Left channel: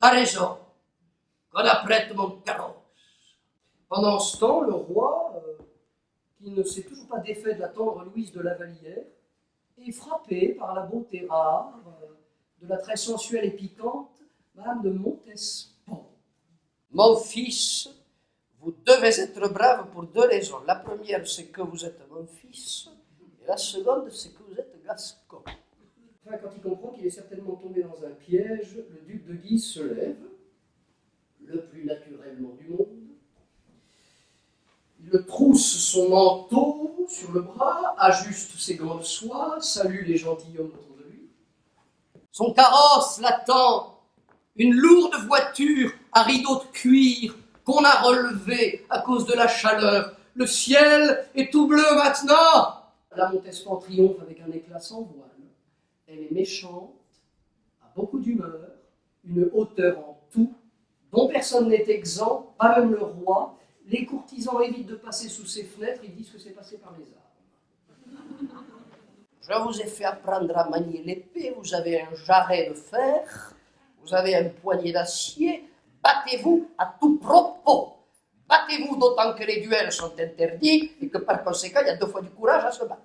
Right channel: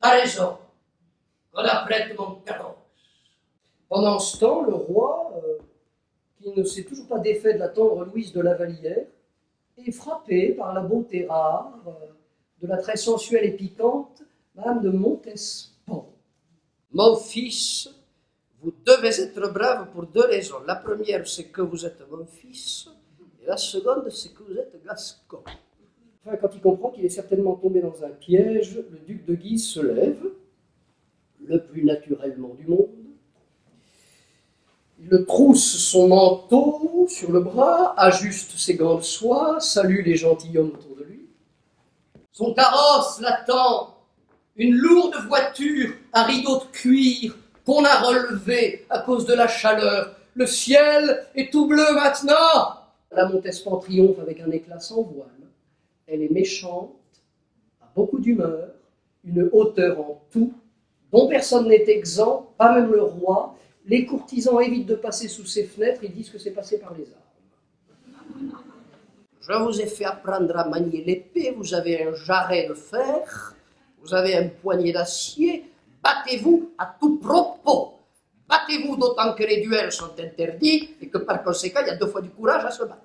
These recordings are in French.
T'as raison, qu'on apprête mon carrosse. Pendant ce temps, le roi, qui ne s'est toujours pas défait de la tendre Louise de Lavallière, est frappé par la beauté rare, de la très sensuelle et piquante Madame de Montespan. Mon fils, vous devez être brave pour deux raisons. La première, c'est que vous êtes mon fils, et la seconde, c'est que vous êtes gascon. Enfin, quand il comprend qu'il est certainement tombé dans un piège, le duc de Guise se lève, le plus naturellement du monde. Il trousse son manteau sur le bras, ajuste ses gants de soie, salue les gentilshommes autour de lui. Son carrosse l'attend, une lourde voiture à rideaux de cuir qu'on a relevé à cause de la chaleur. Le ciel est tout bleu maintenant. La Montespan triomphe avec un éclat sans voile. Elle est méchante, a beaucoup d'humeur, une hauteur en tout, dont personne n'est exempt, pas même le roi. Les courtisans évitent de passer sous ses fenêtres, ils disent que c'est passé par les armes. Je vous ai fait apprendre à manier l'épée, vous avez un jarret de fer, vous avez un poignet d'acier, battez-vous à tout propos. Battez-vous d'autant que les duels sont interdits et que par conséquent, il y a 2 fois du courage à se battre.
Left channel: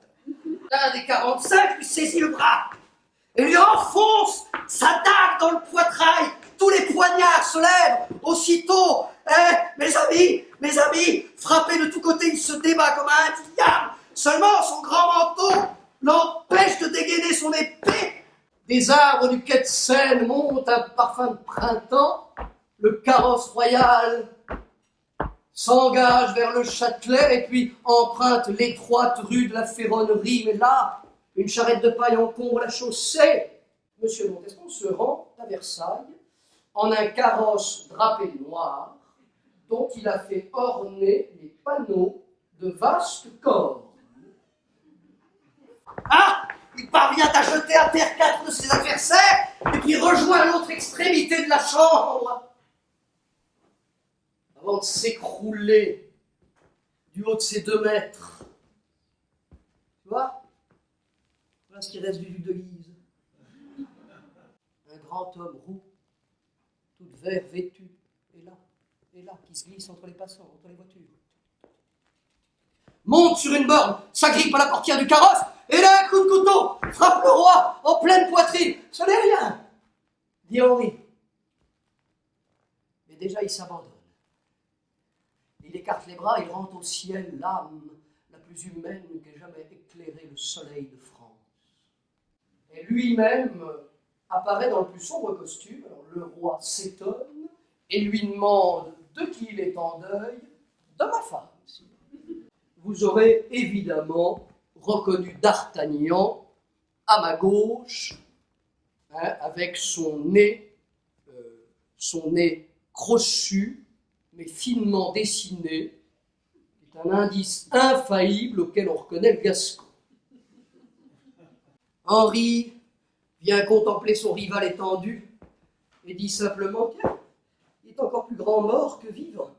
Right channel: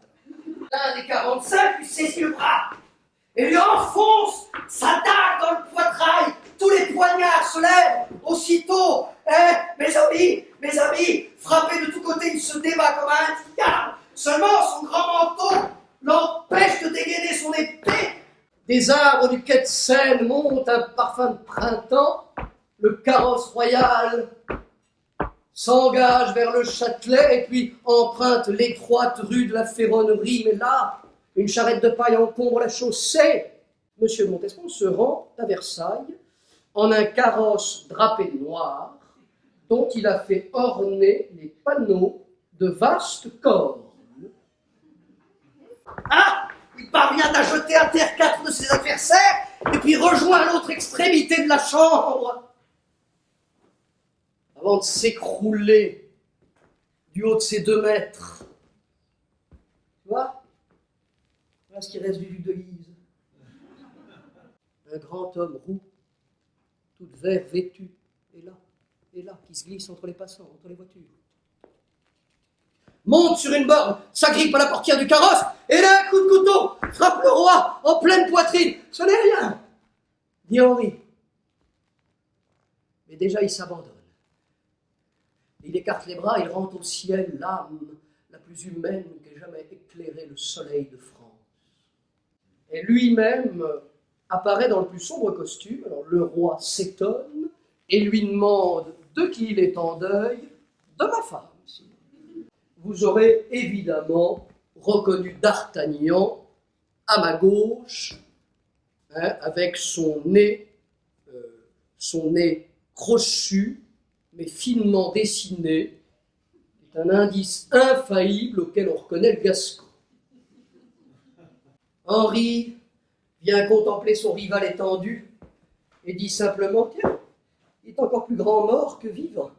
L'un des 45 lui saisit le bras et lui enfonce sa dague dans le poitrail. Tous les poignards se lèvent aussitôt. Mes amis, frappé de tous côtés, il se débat comme un diable. Seulement, son grand manteau l'empêche de dégainer son épée. Des arbres du quai de Seine montent un parfum de printemps. Le carrosse royal s'engage vers le Châtelet et puis emprunte l'étroite rue de la Ferronnerie. Mais là, une charrette de paille encombre la chaussée. Monsieur de Montespan se rend à Versailles en un carrosse drapé de noir dont il a fait orner les panneaux de vastes cornes. Ah! Il parvient à jeter à terre 4 de ses adversaires et puis rejoint l'autre extrémité de la chambre avant de s'écrouler du haut de ses 2 mètres. Tu vois? Voilà ce qui reste du duc de Guise. Un grand homme roux, tout vert vêtu, et là, qui se glisse entre les passants, entre les voitures. Monte sur une borne, s'agrippe à la portière du carrosse, et là, un coup de couteau, frappe le roi en pleine poitrine. Ce n'est rien, dit Henri. Mais déjà, il s'abandonne. Il écarte les bras, il rend au ciel l'âme la plus humaine qu'ait jamais éclairé le soleil de France. Et lui-même apparaît dans le plus sombre costume. Alors, le roi s'étonne et lui demande de qui il est en deuil. De ma femme. Vous aurez évidemment reconnu D'Artagnan à ma gauche, avec son nez crochu, mais finement dessiné. C'est un indice infaillible auquel on reconnaît le Gascon. Henri vient contempler son rival étendu et dit simplement « Tiens, il est encore plus grand mort que vivant. »